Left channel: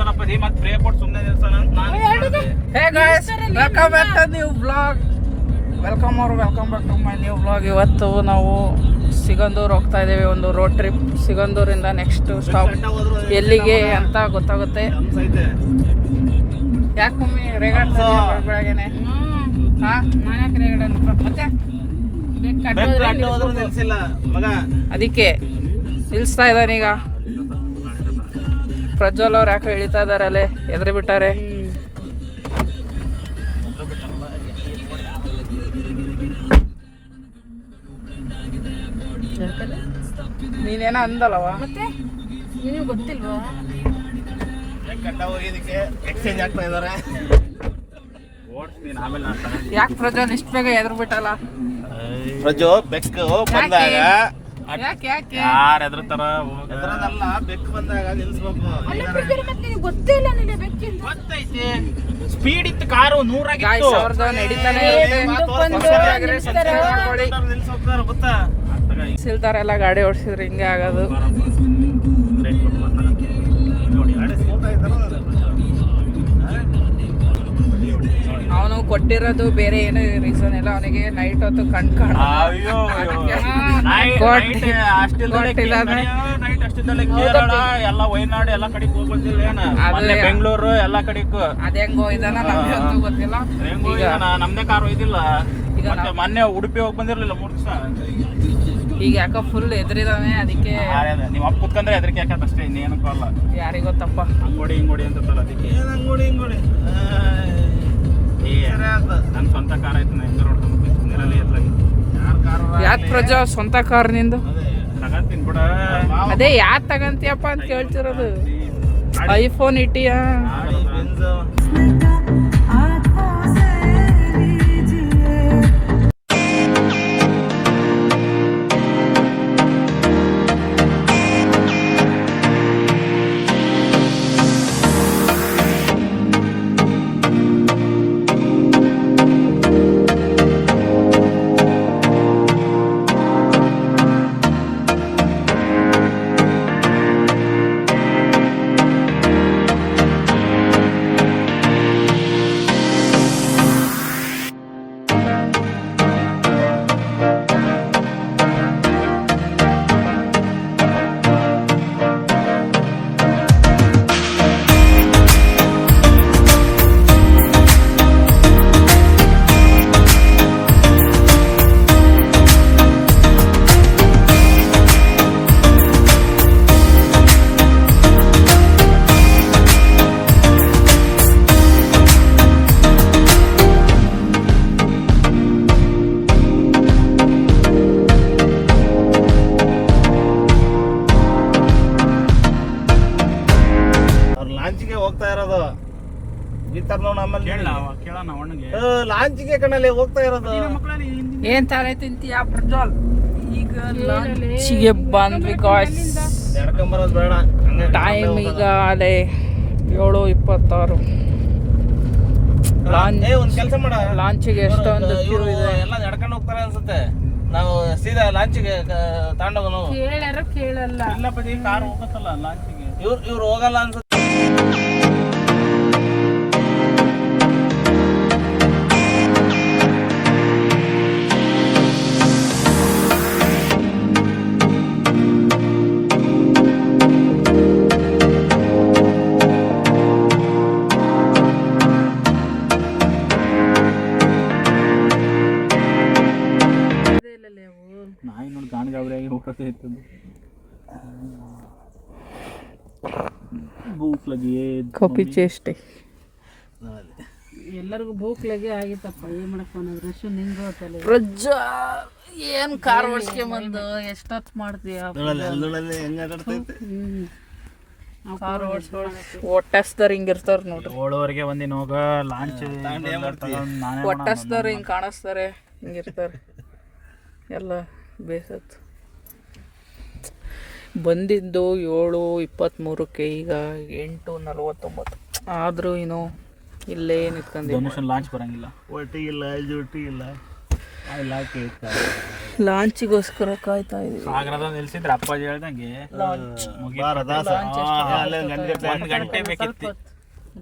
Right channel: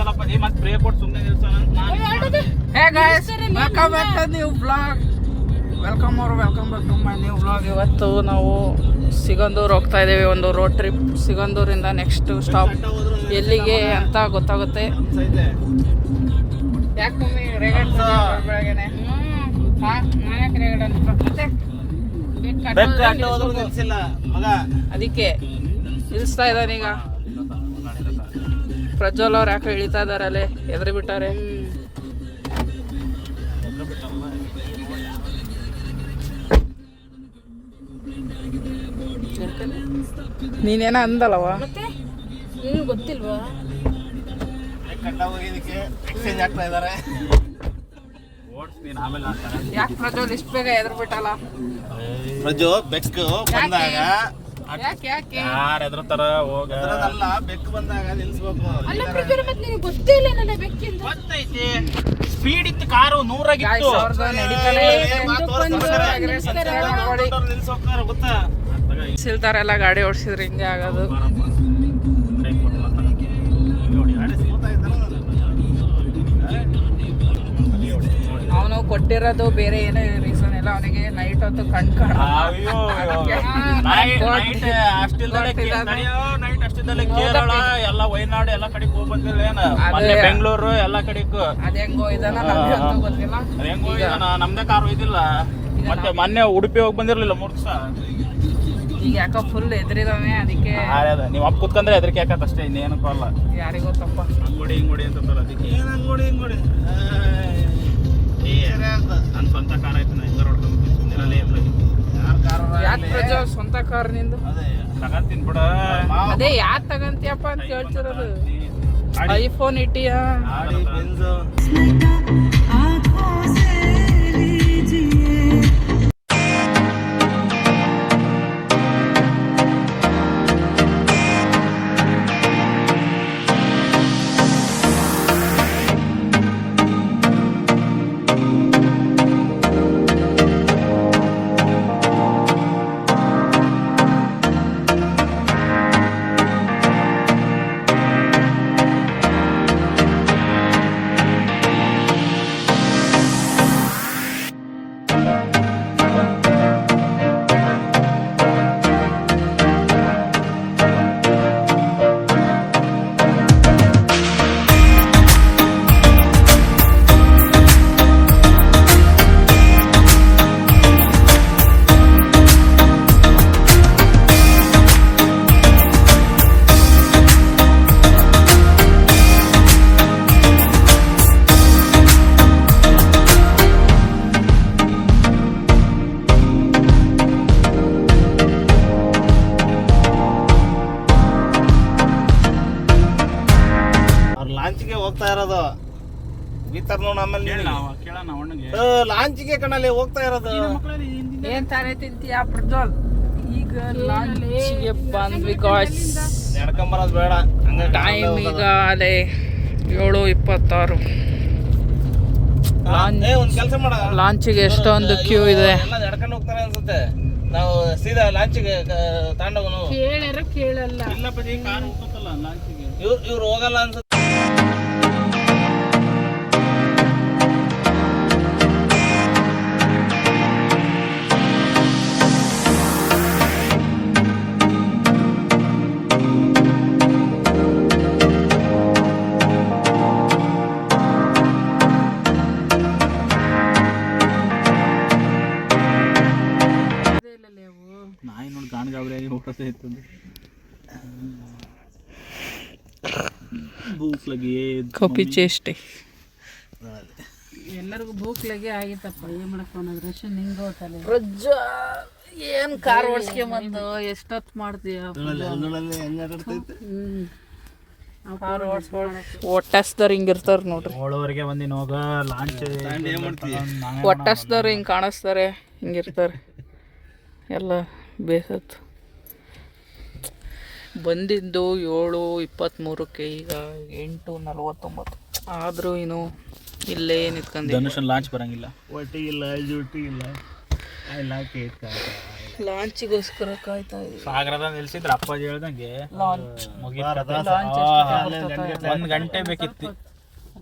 ಗೊತ್ತಲ್ಲಪ್ಪ ನೀ ಮತ್ತೆ ಬ್ರೇಕ್ ಕೊಟ್ಟು ಸುಮ್ಮನೆ ನಿಲ್ಸೋಣ ಅಂತ ನಾನು. Hey guys, welcome back to new blog. Welcome back to my new blog. ಇವತ್ತು ನಾವು ಸಿಗಂದೂರು ಹೋಗ್ತಾ ಇದ್ದೀವಿ, ಒಂದು ರೋಡ್ ಟ್ರಿಪ್. ಸಿಗಂದೂರಿಂದ ನೆಕ್ಸ್ಟ್ ಸ್ಟಾಪ್ ಎಲ್ಲಿಗೆ ಅಂತ ಗೊತ್ತಾಗುತ್ತೆ. ಯಾಕೆ ಮಮ್ಮಿ ರೇಗಡ್ ಬೆಳಗ್ಗೆನೆ? ಹಾಂ, ನಾನೇ ರೇಗಡ್ ಮತ್ತೆ ಅದಕ್ಕೆ ನಿಲ್ಲಿಸ್ತಾ ಇದ್ದಾನೀಗ. ಪ್ರಜ್ವಲ್ ಅವ್ರು ಯಾಕೆ ಇಳಿತಾ ಇದಾರಲ್ಲೇ, ಎದುರು ಬಿಟ್ಟಾರೆ. ನೀನೇನ ಅಂದಲ್ಲವ ಮತ್ತೆ ನೀವು ಗೊತ್ತಿಲ್ವಾ? ಎಕ್ಸ್ಚೇಂಜ್ ಆಗ್ತಾ ಇದಾರೆ. ಯಾಕೆ ಪ್ರಜ್ವಲ್ ಇಷ್ಟು ಬೇಗ ಎದುರು ಬಿಟ್ಟಲ್ಲ? ಪ್ರಜು ಬೆಕ್ಕು ಬಂದಾಗ ಯಾರು ಎದ್ರತಾರ ಹೋಗಲ್ಲ, ಬೆಕ್ಕು ಬಂದಾಗ ನಿಲ್ಸ್ಬೇಕು. ಗೊತ್ತೇ ಇಲ್ಲ ನನಗೆ ಬೆಕ್ಕಿಂದ. ಗೊತ್ತೈತಿ, ಸ್ಪೀಡ್ ಇತ್ತು ಕಾರು, 100 ನಿಲ್ಸ್ಬೇಕಾರೆ ಗೊತ್ತಾ? ಸಿಲ್ತಾರೆಲ್ಲ ಗಾಡಿ ಓಡಿಸಿದ್ರೆ ಹಿಂಗೆ ಆಗೋದು. ಅವನು ಕೊಟ್ಟಿರೋದು ಬೇರೆ ಏನೋ ರೀಸನ್ ಇಲ್ಲ, ಅವನಿಗೆ ನೈಟ್ ಹೊತ್ತು ಕಣ್ ಕೇರಳ ಎಲ್ಲ ವಯನಾಡು ಎಲ್ಲ ಕಡೆಗೆ ಹೋಗಿ ಬಂದಿಲ್ಲ ಏನ, ಬೆಂಗಳೂರು ಎಲ್ಲ ಕಡೆಗೂ ಅದೇ ಹೆಂಗೋ ಇದನ್ನ ಗೊತ್ತಿಲ್ಲ. ನಮ್ದೇ ಕಾರ್ ಒಯ್ದಿಲ್ಲ. ಮತ್ತೆ ಮೊನ್ನೆ ಉಡುಪಿ ಹೋಗಿ ಬಂದಿರ್ಲಿಲ್ಲ 3 ದಿವಸ. ಈಗ ಯಾಕೋ ಫುಲ್ ಎದುರಿದಾವೆ, ಅದಕ್ಕೆ ನೀವು ಅಪ್ಪ ಕುತ್ಕೊಂಡ್ರೆ ಎದ್ರಿಕೆ ಯಾಕತ್ತ ಅಷ್ಟೇ, ಇನ್ನೇನು ಕೊಲ್ಲ. ಯಾರಿಗ ಗೊತ್ತಪ್ಪ, ಅಂಗೋಡಿ ಅಂತಲ್ಲ ಅದಕ್ಕೆ. ಏನು ಅಂಗೋಡಿ ನನ್ನ ಸ್ವಂತ ಕಾರ್ ಆಯ್ತು, ನಾ ಹೆಂಗ ಯಾಕೆ ಪ್ರಜಾ ಸ್ವಂತ ಕಾರ್ ನಿಂದು? ತಗಂತೀನಿ ಬಿಡ. ಅದೇ ಯಾಕೆ ತಗಂತೀಯಪ್ಪ ಅಂತ ಕೇಳ್ತಿರೋದು. ಐಫೋನ್ ಇಟ್ಟಿಯಾ? ಲಾಂಚಿಗೆ ಕಣ್ಣಲ್ಲಿ ಹೋಗ್ತಾ ಇರೋದು. ಏನ್ ತರ ತಿಂತೀಯ ಪ್ರಜ್ವಲ್? ಈಗ ಲಾಂಚಿಗೆ ಬಂದ್ವಿ ಗಾಯ್ಸ್. ನಡ್ಕೊಂಬರೋದು ಬೇಡ, ಟೈಮ್ ಈಗ ಅಲ್ಲೇ 7:26. ಒಂದ್ ಕೆಲಸ ಮಾಡ, ಲಾಂಚಿಗೆ ಎಷ್ಟೊಂದು ಕ್ಯೂ ಇದೆ. ಎಲ್ಲ ನಡ್ಕೊಂಡು ಹೋಗ್ತಾರೆ ಅನ್ಸುತ್ತೆ. ನಾವು ಸೀದಾ ಲಾಂಚಿಗೆ ತಗೊಂಡೋಗೋನು. ಕೇಳಲ್ಲ. ಇಲ್ಲಪ್ಪ, ಕಾರ್ ಹೋಗ್ಬೇಕಲ್ಲ ಲಾಂಚಿಗೆ. ಇವ್ರು ಹೋಗಲ್ಲ ಅನ್ಸುತ್ತೆ. ಭೂಕ್ ಲಗಿ ಕಾಪಿ ಚೇಷ್ಟೆ. ಎಲ್ಲರಿಗೂ ಭೂಕ್ ಲಗಿ ಆಗಿತ್ತಪ್ಪ. ಏನ್ ಮಾಡಪ್ಪ, ರಶ್ ನಿಂಗೋ ತಲೆ. ಪ್ರಜ್ಜಾ ಏನ್ ಕಾರ್ ಓಡಿಸ್ಕೊಂಬಂದು ಎಷ್ಟೊತ್ತು ಮಾಡ್ತೀಯ? ಒಟ್ಟಸ್ದವ್ರು ಹಿಂಗಿರ್ತಾರ ನೋಡ್ರಿ. 7:00 ಬಂದಿನ ಹೋಗ ಲಾಂಚ್. ಒಟ್ಟಸ್ದವ್ರು ಹಿಂಗೆ ಕಾಣಿಸ್ತಾರೆ, ಹಿಂಗಿರ್ತಾರೆ ಎಲ್ಲ. ಬೇಸತ್ತು ಬಂದಿದ್ದು 7:23, ಈಗ 8:49 ಆದರೂ ಇನ್ನೂ ಇಲ್ಲೇ ನಿಂತ್ಕೊಂಡು. ಲಾಂಚ್ ಬರಂಗಿಲ್ಲ, ಒಟ್ಟಿ ಇಲ್ಲ, ಜುಟ್ಟಿ ಇಲ್ಲ. I like it. ಲಾಂಚಿಗೋಸ್ಕರ ಕಾಯ್ತಾ ಇದೀವಿ. ಸಾಗರದ ನಿಲ್ಸಿದ್ರೆ ಅಪ್ಪಾಜಿ ಹೇಳ್ದಂಗೆ ಲಾಂಚ್ ಒಂದ್ ಗಂಟೆ ಬೇಕಿತ್ತು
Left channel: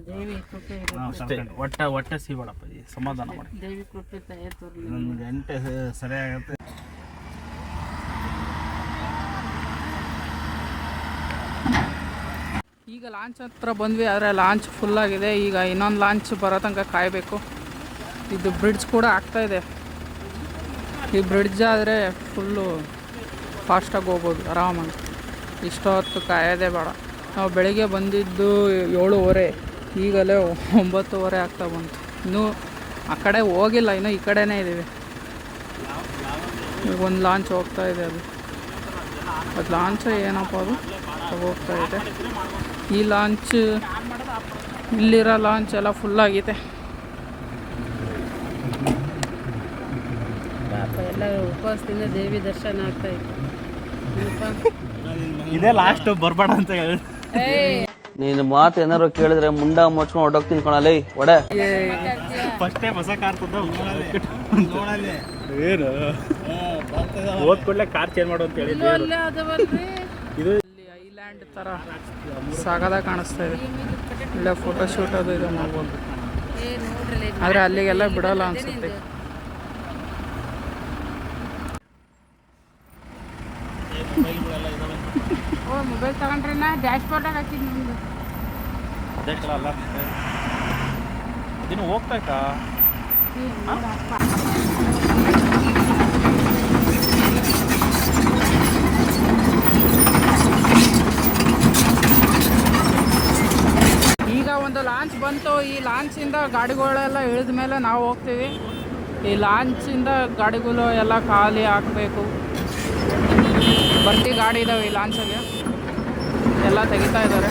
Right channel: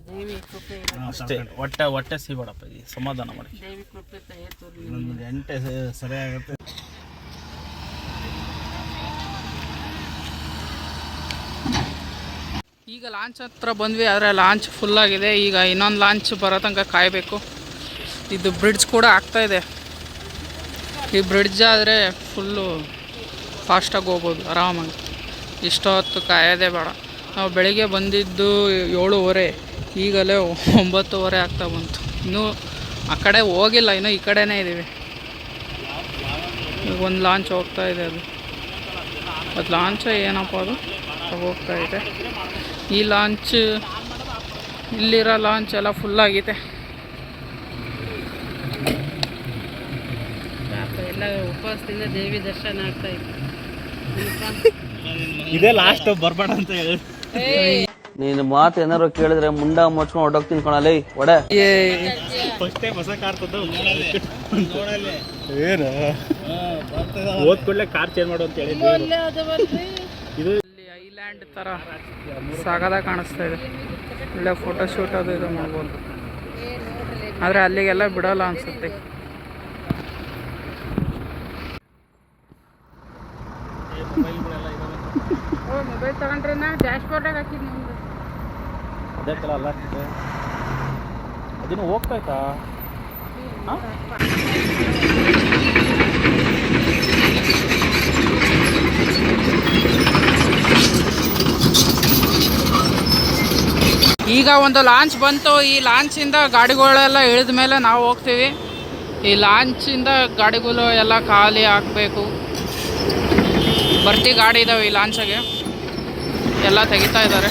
ದೇವಿ ಕೃಪೆ ಅಷ್ಟೇ. ಹೊಟ್ಟೆ ಸಿಗೋಡಪ್ಪಾಜಿ ಸಮಾಧಾನ ಮಾಡಿ. ದೇವಿ ಕೃಪೆ ತಯಾರು ಒಂದು ಗಂಟೆ ಸರಿಯಾಗುತ್ತೆ. ಈಗ ಲಾಂಚ್ ಹತ್ರ ಬಂದ್ವಿ, ಆದರೆ ಲಾಂಚ್ ಫುಲ್ಲಾಗಿದೆ. ಈಗ ಇನ್ನೊಂದು ಲಾಂಚ್ ಬರೋ ತನಕ ಕಾಯಬೇಕು. ಇದು ಬ್ರಿಡ್ಜ್ ಕೂಡ ಆಗ್ತಾಯಿದೆ. ಈ ಬ್ರಿಡ್ಜ್ ಆದರೆ ಫುಲ್ಲು ಫಾಸ್ಟಾಗಿ ಹೋಗ್ಬೋದು ಆರಾಮಾಗಿ. ಇಷ್ಟೊತ್ತು ಕಾಯೋದೇ ಬೇಡ. ನಾವು ಬೆಳಿಗ್ಗೆ ಬಂದಿದ್ದು 7:30, ಈಗಲೇ 9:30 ಆಗ್ತಾ ಬಂತು. ಇನ್ನೂ ಆ ಕಡೆ ಹೋಗಿಲ್ಲ, ಇನ್ನೂ ಈ ಕಡೆನೇ ಇದ್ದೀವಿ. ಈಗ ಒಂದು ಲಾಂಚ್ ಹೋಗ್ತಾ ಇದೆ. ಅದು ಲಾಂಚ್ ಏನಪ್ಪ ಅದು ಹೋಗ್ತಾ ಇದೆ. ಈ ಲಾಂಚ್, ಇಲ್ಲಿರೋ ಲಾಂಚ್ ಎಲ್ಲ ಫುಲ್ಲಾಗಿದೆ. ಪಾಪ ಎಲ್ಲ ಉಪವಾಸದಿಂದ ದೇವಿ ದರ್ಶನ ಆಗ್ತಾ ಇತ್ತು. ಇದೇ ಲಾಸ್ಟ್ ಬರ್ಬೇಡ ಅಂತ ಹೇಳಿ. ನೀನು ಮಾತು ಏನಾರು ಕೇಳಿದ್ರೆ ಮುಂಡ ಮುಚ್ಕೊಂಡು ಹೊಟ್ಟೋಗ್ತೀನಿ ಕಣಲೇ ಒಡೆ. ಫಸ್ಟೇ ಬಸ ಕಾರ್ತದ್ದು ಏನು ಓದ್ ಕೂಡಲೇ ಕಾರ್ ಚೇಂಜ್ ಮಾಡು ಅಂತ ಹೇಳಿದ್ವಿ. ಇದು ಇಲ್ಲಿ ಐಲ್ಯಾಂಡ್ ಥರ ಸಾಗದಾಗ ಕಾಣಿಸ್ತಾ ಇದೆ. ಇಲ್ಲೇ ಫೋಟೋಶೂಟ್ ಅದು ಇದು ಮಾಡ್ಬೋದು. ಆದರೆ ಅಲ್ಲಿಗೆಲ್ಲ ಬಿಡೋಲ್ಲ ಅನಿಸುತ್ತೆ. ಮೊಬೈಲ್ ತಗೊಂಡ್ರೆ ಡ್ಯಾಶ್ ಬೋರ್ಡಾಗ ಹಾಕಿದ್ ನಮ್ದು. ಅದೇ ಕಲ ಅಲ್ಲ ಅದಿನ್ನು ಹೋಗ್ಬೇಕಾ? ಈಗ ಒಂದು ಲಾಂಚ್ ಬಂತು. ಈ ಲಾಂಚಿಂದ ಗಾಡಿಗಳೆಲ್ಲ ಇಳಿದ ಮೇಲೆ ನಾವು ಹೋಗ್ತೀವಿ. ಈ ಲಾಂಚಿಂದ ಗಾಡಿಗಳು ಎಲ್ಲ ಖಾಲಿ ಹಾಕಬೇಕು. ಬರ್ತಿ ಗಾಡಿ ಇದ್ದಾವೆ ಈ ಲಾಂಚಿಗೆ, ಎಲ್ಲ ತೆಗಿತಾ ಇದ್ದಾರೆ.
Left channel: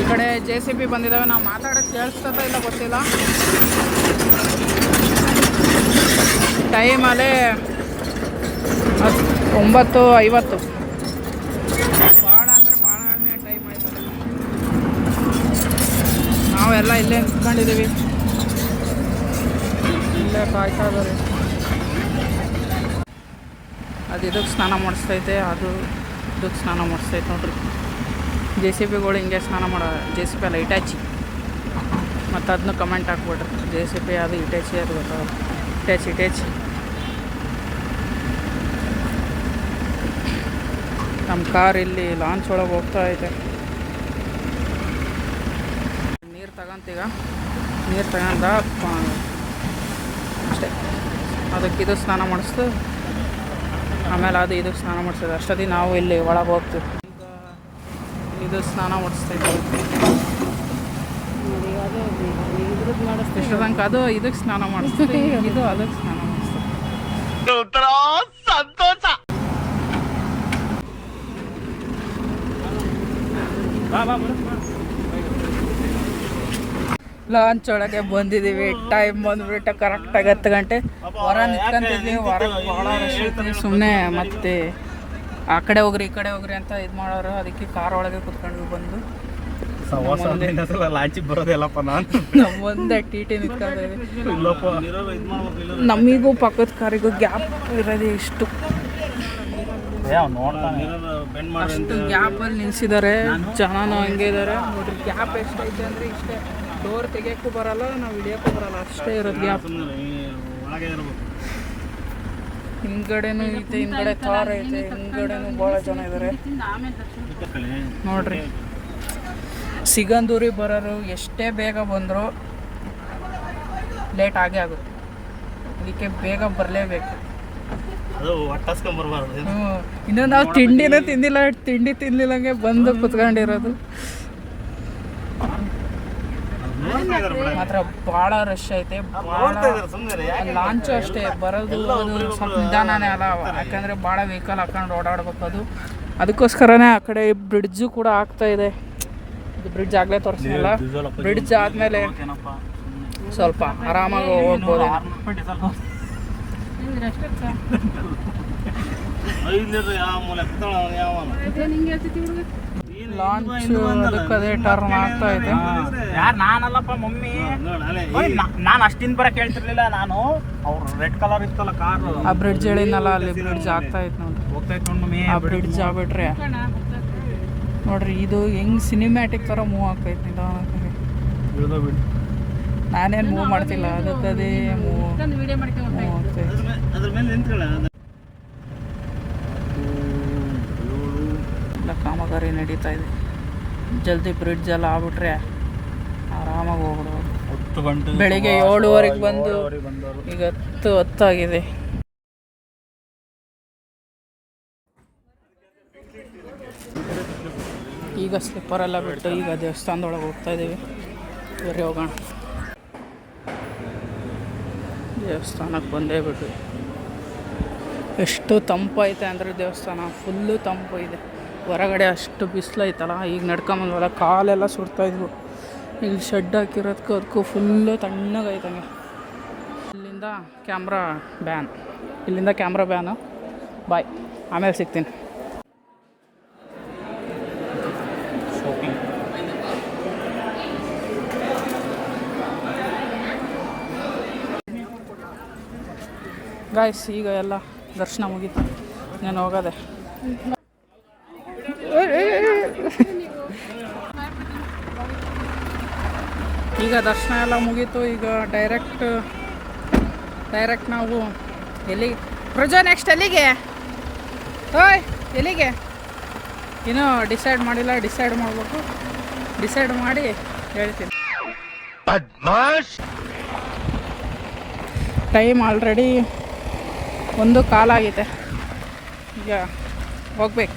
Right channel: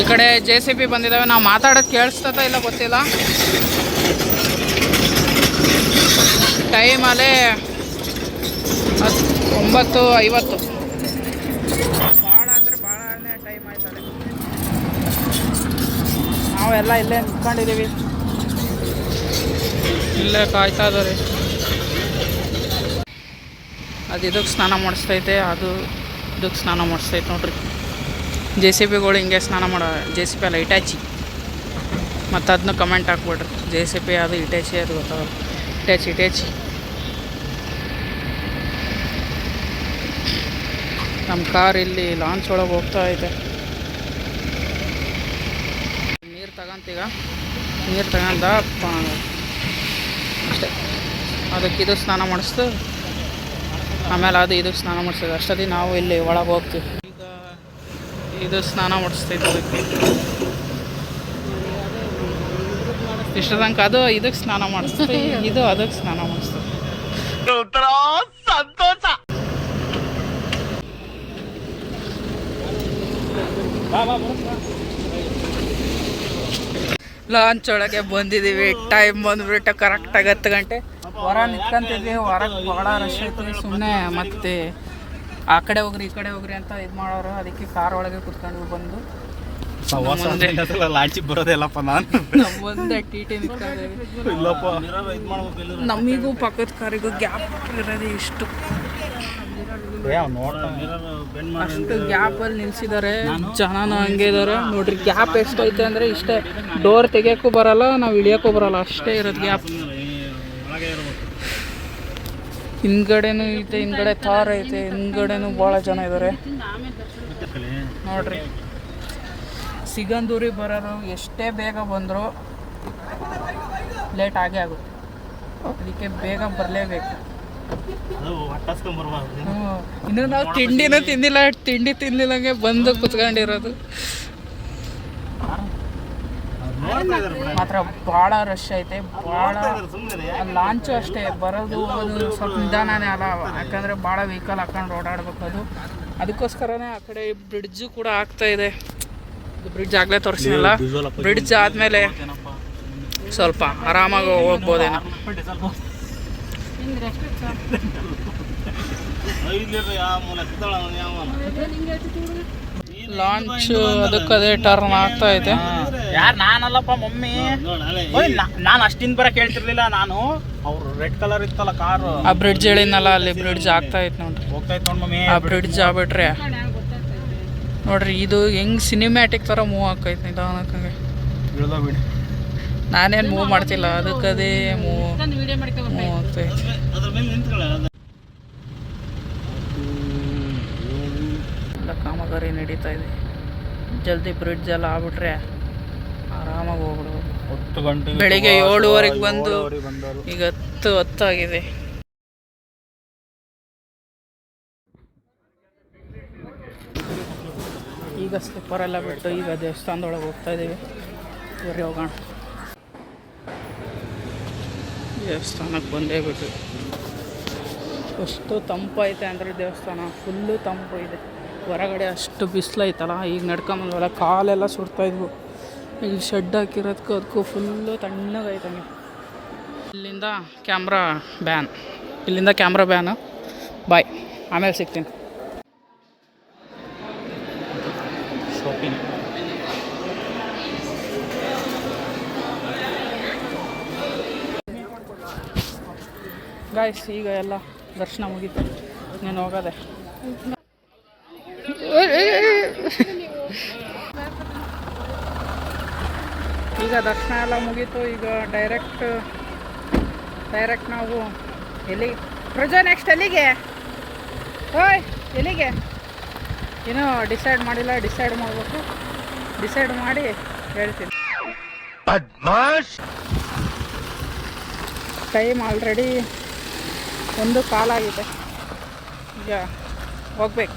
ಈ ಕಡೆ JCB ಬಂದಿದ್ದಾವೆ. ನಾವು ಮಾತಾಡೋದು ಕೇಳಿಸ್ತದ ಇಲ್ಲ ಗೊತ್ತಿಲ್ಲ. ಟೈಮಲ್ಲೇ 9:50. ಭಾಳ ಅಂದರೆ ಭಾಳನೇ ಟೈಮ್ ಆಯ್ತಲ್ಲ. ನಾವೆಲ್ಲ ಇಲ್ಲೇ ನಿಂತ್ಕೊಂಡಿದ್ದೀವಿ, ಇಲ್ಲೇ ಕಾಯ್ತಾ ಇದ್ದಾರೆ. ಅದು ಇದಕ್ಕೆ ಸ್ನಾನ ಮಾಡಿಸ್ತೈತೆ, ಅದು ಇದಕ್ಕೆ ಸ್ನಾನ ಮಾಡಿಸ್ತೈತೆ ನೋಡ್ರಿ. JCBಗಳು ಹಿಂಗೆ ಸ್ನಾನ ಮಾಡೋ. JCB ಅಲ್ಲ, ಇಟಾಚಿ. ಮತ್ತು ಅದನ್ನ ಕಮೆಂಟ್ ಹಾಕ್ಬಿಡ್ರಿ. JCB ಅದು ಇಟಾಚಿ, ಅದು ಗೊತ್ತಾಗಲ್ಲ. ಇಟಾಚಿ. ನಮ್ಮ ಕಾರ್ ಇಲ್ಲಿ ಲಾಂಚ್ ಒಳಗೆ ಹೋಗ್ತಾ ಐತೆ. ನೀರು ತಗೊಂತೀಗ, ನೀರು ತಗೊಂಡ ಅಷ್ಟೇ. ಅದಕ್ಕೆ ಇದು ಸ್ನಾನ ಮಾಡಿಸ್ತು, ಆಮೇಲೆ ಅದು ಇದಕ್ಕೆ ಸ್ನಾನ ಮಾಡಿಸ್ತದೆ. ಅಷ್ಟೊತ್ತಿಗೆ ನಾವು ಇಲ್ಲಿ ಒಳಗೆ ಹೋಗ್ತೀವಿ. ಈಗ ಇದು ಸ್ನಾನ ಮಾಡಿಸ್ತೈತೆ ಅದಕ್ಕೆ. ಇಷ್ಟ ತನಕ ಅದು ಇದಕ್ಕೆ ಸ್ನಾನ ಮಾಡಿಸ್ತದೆ, ಇದು ಅದಕ್ಕೆ ಸ್ನಾನ ಮಾಡಿಸ್ತದೆ. ಲಾಂಚ್ ಒಳಗೆ ಬಂದಿದ್ದೀವಿ. ಟೈಮ್ ಬಂದುಬಿಟ್ಟು ಕರೆಕ್ಟಾಗಿ 10 ಗಂಟೆ. ಹೊರ ನಿಂತ್ಕೊಂತಿದ್ವಿ. ಹೊರಗೆ ಭಾಳ ರಶ್ ಐತಿ. ಸುಮ್ಮನೆ ಮತ್ತೆ ಆ ಕಡೆ ಹೋಗ್ರಿ ಈ ಕಡೆ ಹೋಗ್ರಿ ಅಂತ ಇದು ಮಾಡೋರು. ಅದಕ್ಕೆ ಕಾರ್ ಒಳಗೆ ಕುತ್ಕೊಂಡ್ವಿ. ಬಂದು ಲಾಂಚಿಗೆ ಬರೋದಿಲ್ಲಪ್ಪ ನಾನು. ನಮ್ಮ ಮುಂದೆ TT ನಿಂತ್ಕೊಂಡಿದ್ದೀವಿ. ನಮಗೂ ಪಕ್ಕದ ಕಾರಿಗೂ ಗ್ಯಾಪ್ ಇರೋದು ಇಷ್ಟು. ಅಷ್ಟು ಗ್ಯಾಪಲ್ಲಿ ನಿಲ್ಸಿದ್ದಾರೆ. ಜನನೂ ಹಂಗೆ ಇದ್ದಾರೆ ನೋಡ್ರಿ. ಗ್ಯಾಪ್ ಎಷ್ಟೈತೆ ಅಂದರೆ ಇಷ್ಟೇ. ಡೋರ್ ತೆಗಿಯೋಕ್ಕೂ ಬರಲ್ಲ, ನಾವು ಇಳಿಯೋಕ್ಕೂ ಬರಲ್ಲ, ಅಷ್ಟೇ ಇರೋದು ಗ್ಯಾಪ್. ಹಿಂದ್ಗಡೆನೂ ಐತೆ, ಹಿಂದ್ಗಡೆ ಕಾರ್ ಐತೆ, ಹಿಂದ್ಗಡೆನೂ ಭಾಳ ಜನ ಇದ್ದಾರೆ ನೋಡ್ರಿ. ಸಿಗಂದೂರಿಗೆ ಬರೋರು ಎಷ್ಟೇ ಬೇಗ ಬಂದರೂ ಲೇಟ್ ಆಗೇ ಆಗುತ್ತೆ. ಅದಕ್ಕೆ ಬೇಗ ಬರಲೇಬೇಕು. ಇನ್ನು ನಾವು ತಿಂಡಿನೂ ತಿಂದಿಲ್ಲ, ತಿಂಡಿ ತಿನ್ಲಿಲ್ಲಂಗೆ ಬಂದು ಕುತ್ಕೊಂಡಿರೋದು. ಮಾತ್ರ ಭಾಳ ರಶ್ ಐತೆ, ಭಾಳ. ಲಾಂಚು ಅಷ್ಟೇ, ಬರೋದು ಅದು ಸ್ವಲ್ಪ ನಿಧಾನನೇ ಅಲ್ಲ, ಯಾಕಂದರೆ ಭಾಳ ವೆಹಿಕಲ್ ಹಾಕೊಂಡು ಓಡಾಡ್ಬೇಕು. ಅದು ಅದಕ್ಕೋಸ್ಕರನೇ ಆ ಕಡೆ ಬ್ರಿಡ್ಜು ಕೂಡ ಆಗ್ತಾ ಇದೆ. ಇದು ಬ್ರಿಡ್ಜ್ ಆಗಲೇ ತೋರಿಸಿಲ್ಲ. ಬ್ರಿಡ್ಜ್ ಆದಮೇಲೆ ಸ್ವಲ್ಪ ಆರಾಮಾಗಿ ಹೋಗ್ಬೋದೇನೋ. ಲಾಂಚ್ ಅದಕ್ಕದೇ ಟರ್ನ್ ಆಗ್ತಾ ಐತೆ. ಯಾರು ನಾನಲ್ಲಪ್ಪ ಮಮ್ಮಿ. ನಾನು ಅಷ್ಟಿಂದ ಬರಕ್ಕೆ ಹೇಳ್ತಿರ್ಲಿಲ್ಲ ನಾನು. ಅವ್ರು ರೆಡ್ ಕಲರ್ ಇತ್ತಲ್ಲ ಕಾರು, ಆ ಬ್ರಿಡ್ಜ್ ಹೇಳಿದ್ನಲ್ಲ, ಅಲ್ಲಿ ಬ್ರಿಡ್ಜ್ ಆಗ್ತಾ ಐತೆ ನೋಡ್ರಿ. ಹೋಗ್ತಾ ಇತ್ತು ನೋಡಿ ಮಮ್ಮಿ. ಆ ಬ್ರಿಡ್ಜ್ ಆಗ್ಬಿಟ್ರೆ ನೋಡ್ರಿ, ಇದು ಹೆಂಗ್ ಸಿನಿಮ್ಯಾಟಿಕ್ ಥರ ಮೂವ್ ಆಕೈತೆ ನಿಧಾನಕ್ಕಂಗೆ. ಬಿಡಿ, ನಾನೇನು ಮೂವ್ ಮಾಡ್ತಿಲ್ಲ, ಅದಕ್ಕದೇ ಮೂವ್ ಆಗ್ತೈತೆ. ಎಲ್ಲ ಕಾಮಗಾರಿ ನಡೀತಾ ಇದೆ. ಜಲ್ದಿ ಬ್ರಿಡ್ಜ್ ಎಲ್ಲ ಆಗ್ಬಿಟ್ರೆ ಆರಾಮಾಗಿ ಹೋಗ್ಬಿಡ್ಬೋದು. 10 ಗಂಟೆ ಬೆಳಿಗ್ಗೆ 7:30 ಬಂದು ಈಗ 10 ಆಗಿದೆ. ಈಗ ಸ್ಲಿಪ್ಪರೆಲ್ಲ ಬಿಟ್ಟು ಈಗ ದೇವಸ್ಥಾನದೊಳಗೆ ಹೋಗ್ತಾ ಇದ್ದೀವಿ. ಬೇರೆ ಹೋಗೋಣ. ದೇವಸ್ಥಾನಕ್ಕೆ ಬಂದೇ ಬಿಟ್ಟು ಎಷ್ಟು ತಂಪೈತೆ ಅಂದರೆ ದೇವಸ್ಥಾನ ಫುಲ್ಲು ತಂಪು ಇದೆ. ಹೊರಗಡೆ ಅಷ್ಟು ಬಿಸಿಲೈತಲ್ಲ, ಈಗ ನಡ್ಕೊಂಬಂದ್ವಲ್ಲ ಕಾಲೆಲ್ಲ ಸುಡ್ತಾಯಿದ್ವು. ಇಲ್ಲಿ ಶೆಡ್ ಹಾಕಿರೋದಕ್ಕೂ ಅದಕ್ಕೂ ಫುಲ್ಲು ತಣ್ಣಗೈತಂಗೆ. ಇಲ್ಲಿಂದ ಕ್ಯಾಮ್ರಾ ಬ್ಯಾನು. ಬಾಯ್, ಆಮೇಲೆ ಸಿಗ್ತೀನಿ. ಗಾಯ್ಸ್, ಈಗ ಎಲ್ಲ ದರ್ಶನ ಮುಗೀತು, ನಾನು ಹೋಗೋದೆ. ಈಗ ದರ್ಶನ ಎಲ್ಲ ಮುಗೀತು. ಈಗ ಡೈರೆಕ್ಟ್ ನಾವು ಎಲ್ಲಿಗೆ ಪ್ರಜಾ ನೆಕ್ಸ್ಟ್ ಎಲ್ಲಿಗೆ? ಓಯ್, ಎಲ್ಲಿಗೆ? ಇನ್ನೂ ಡಿಸೈಡ್ ಮಾಡಿಲ್ಲ. ಡಿಸೈಡ್ ಮಾಡಬೇಕು. ಡಿಸೈಡ್ ಮಾಡಿ ಹೇಳ್ತೀನಿ. ಟೈಮ್ ಆಲ್ರೆಡಿ 1:15 ಆಗಿದೆ. ಈಗ ಹೋಗ್ಬೇಕು.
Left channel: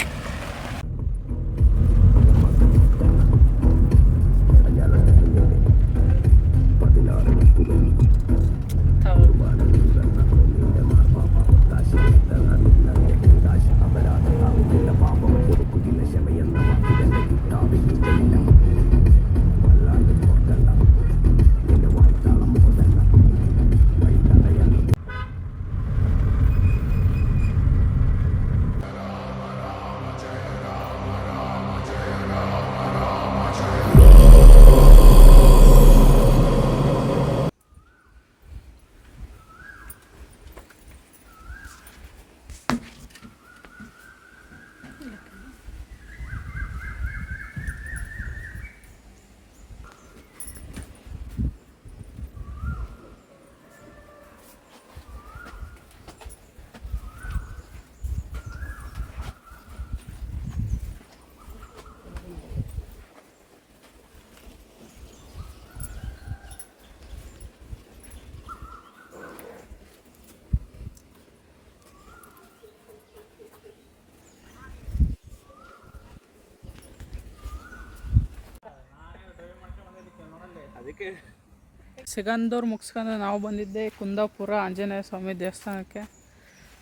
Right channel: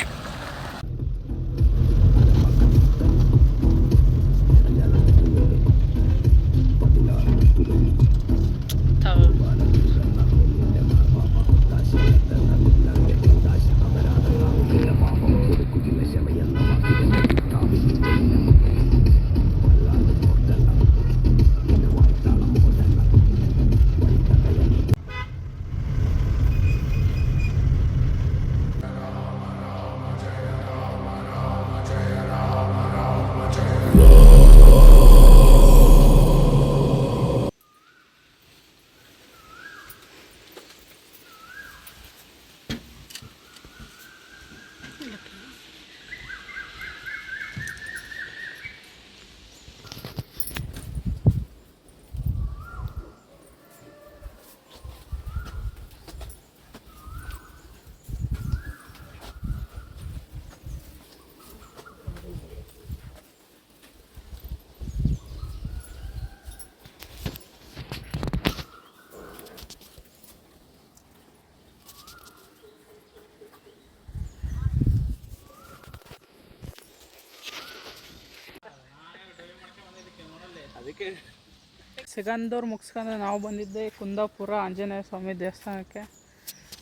ಸಿಗಂದೂರು ಮುಗಿಸ್ಕೊಂಡು ನಾವು ಬಂದಿದ್ದೆ ಕುಂದಾಪುರ ಆಂಜನೇಯ ಸ್ವಾಮಿ ದೇವಸ್ಥಾನಕ್ಕೆ.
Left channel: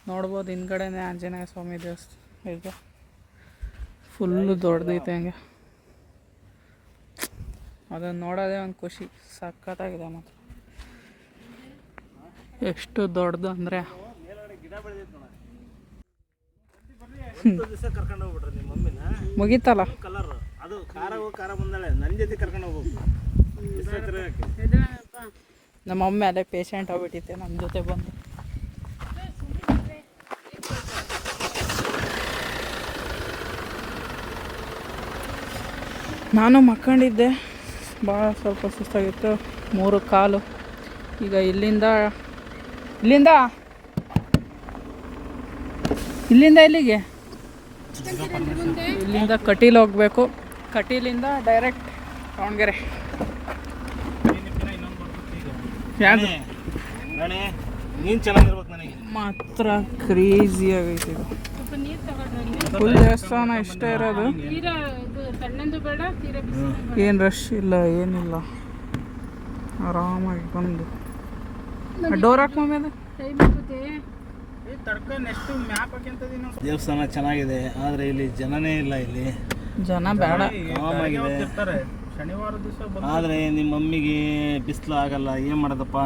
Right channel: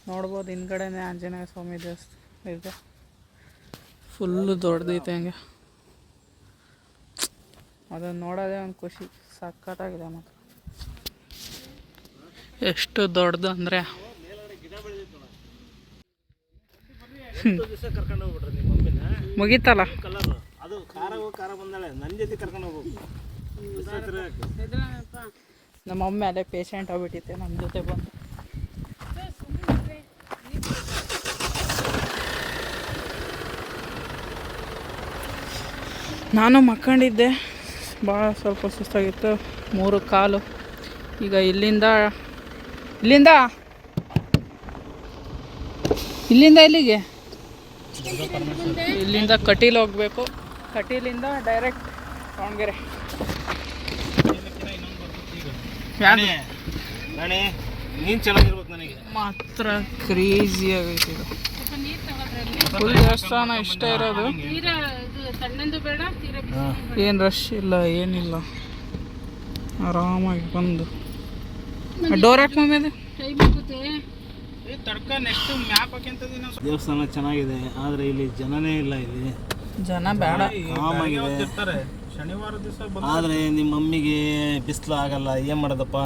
ನೋಡ್ಬೋದು, ಹಿಂದ್ಗಡೆನೇ ಆಂಜನೇಯ ಸ್ವಾಮಿ ದೇವಸ್ಥಾನ ಇದೆ. ಫುಲ್ಲು ದೊಡ್ಡದೈತೆ ಹಂಗೆ. ಅದನ್ನು ನೋಡೋದೇ ಒಂದು ಖುಷಿ. ಸಖತ್ತಾಗಿದೆ ಮಾತ್ರ. ಎಷ್ಟು ದೊಡ್ಡದು ಅಂದರೆ ಮುಗೀತಲ್ಲ. ಅದು ಖಾರ ಬಂದಾಳೆ, ನನ್ನ ಜೊತೆ ಕರ್ಕೊಂಡು ಹೋಗ್ಬೇಕು. ನಮ್ಮ ಮಮ್ಮಿ ಅಲ್ಲೇ ಪೇಷಂಟ್ ಆಗ್ಬಿಟ್ಟಿತ್ತೆ ನಮ್ಮ ಜೊತೆ ಬಂದು. ನಾನು ಮಕ್ಕೊಂಡಿದ್ದೆ, ಭಾಳ ಸ್ವಲ್ಪ ಸುಸ್ತಾಗಿತ್ತು. 3 ಕಾಲು. ಈಗ ಇಲ್ಲಿಂದ ಎಲ್ಲಿಗೆ? ಇಲ್ಲಿಂದ ಕಟೀಲ್ ಹೋಗಬೇಕು. ಕಟೀಲಿಂದ ಡೈರೆಕ್ಟ್ ದಾವಣಗೆರೆ. ನೀನು ಚೆನ್ನಾಗಿರ್ಬೇಕು. ನನಗೆ ಮಾತ್ರ ಕ್ರೇಜಿ ಆಗೈತೆ ಇದು. ಫುಲ್ ದೇವಸ್ಥಾನ ಇಷ್ಟೇ ಇರೋದು, ಏನು ರಶ್ ಇಲ್ಲ, ಏನಿಲ್ಲ. ಆರಾಮಾಗಿ ಬಂದು ಡೋರ್ ಹಾಕಿ ಮಮ್ಮಿ. ದೇವಸ್ಥಾನ ಚೆನ್ನಾಗಿದೆ, ಆದರೆ ಇಲ್ಲಿ ಜನನೇ ಇಲ್ಲ. ಇಲ್ಲಿ ಜನ ಬೇಡ, ಆರಾಮಾಗಿದೆ. ಶನಿವಾರ ದಿವಸ ಆದರೆ ನಿಮ್ಮ ಮಮ್ಮಿಗೆ ಬಿಸಿಲು ಆಗಲ್ಲ, ಏನು ಮಾಡೋದಪ್ಪ.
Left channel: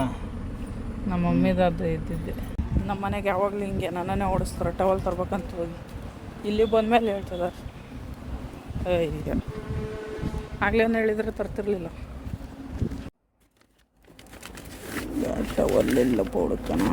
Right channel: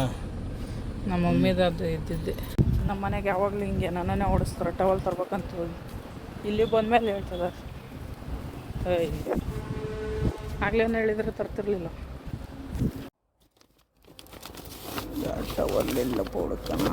ನಮ್ಮ ಮಮ್ಮಿದು ಅದು ಇದ್ದಿದ್ದೆ. ನಮ್ಮ ಮನೆಗೆ ಯಾವಾಗಲೂ ಹಿಂಗೆ ನನ್ನನ್ನೇ ಓಡಿಸ್ತಾರೆ ಟವಲ್ ತರ್ಬೇಕಂತ ಹೋಗಿ. ಇಲ್ಲಿ ಬಂದಮೇಲೆ ಹೇಳ್ತದೆ ಅಯ್ಯ ಆಗಲೇ ಹೇಳಿದ್ರೆ ತರ್ತಿರ್ಲಿಲ್ಲ. ಟವಲ್ಲೆಲ್ಲ ಪೋಡುತ್ತಾನ.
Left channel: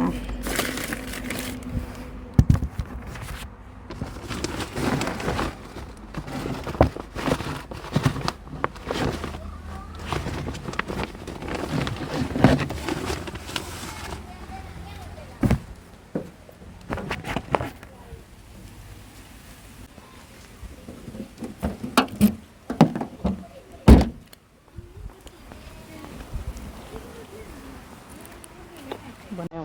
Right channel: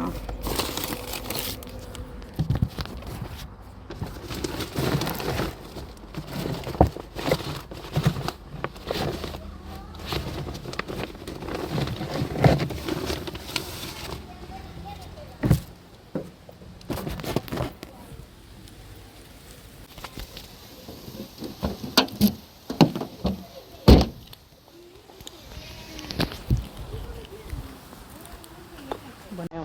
ಬನ್ನಿ